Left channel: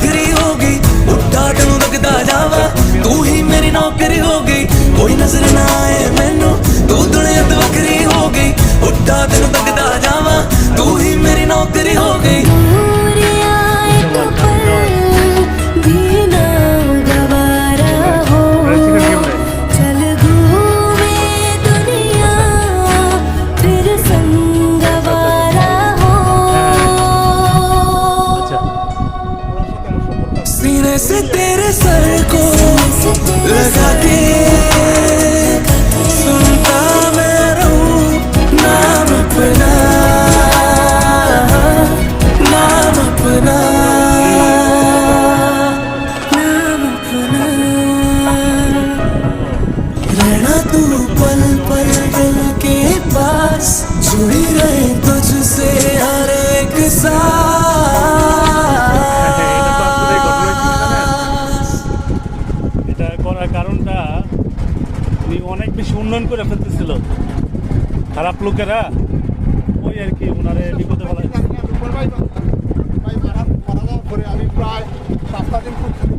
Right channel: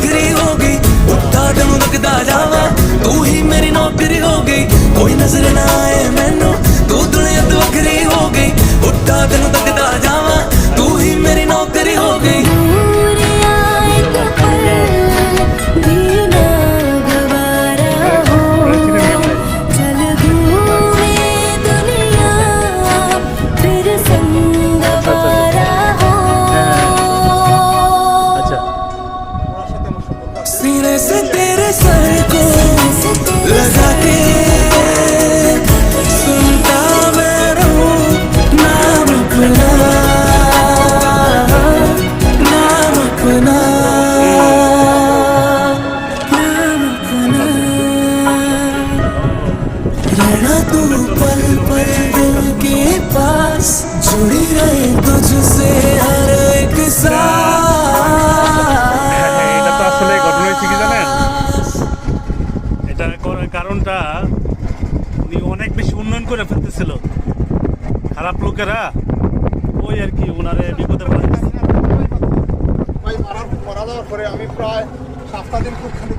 बखरी हो गई उठा तेनू लगदा जावा तू ही मेरी नौकरी हो गई कोई नजर ना आए मैनू तू दुनिया तो बखरी हो गई उठा तेनू लगदा जावा तू ही मेरी नौकरी हो गई दूर आए तो पल भी ना गवारा हो चल घूमे दुनिया फिर संगवारा हो सीने से तेरे सर को लगा के सुनता मैं रहूं नाम अपना नाम अपना नाम अपना रहना तू पल पल दिल के पास जुड़ी रहे तुझसे हर एक এটা তো আসলে ঘটনা হয়েছে কি জানেন, এটা করার কারণটা উনি অনেক বেশি উন্নয়ন করে ফেলতেছিল, খারাপ লোকেরা ওই আর কি ওনারে বিপদে ফেলাইছে। ভাই মারা যাওয়ার পরে আমি প্রায় 7 দিন খুব খালি